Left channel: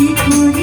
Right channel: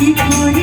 一个人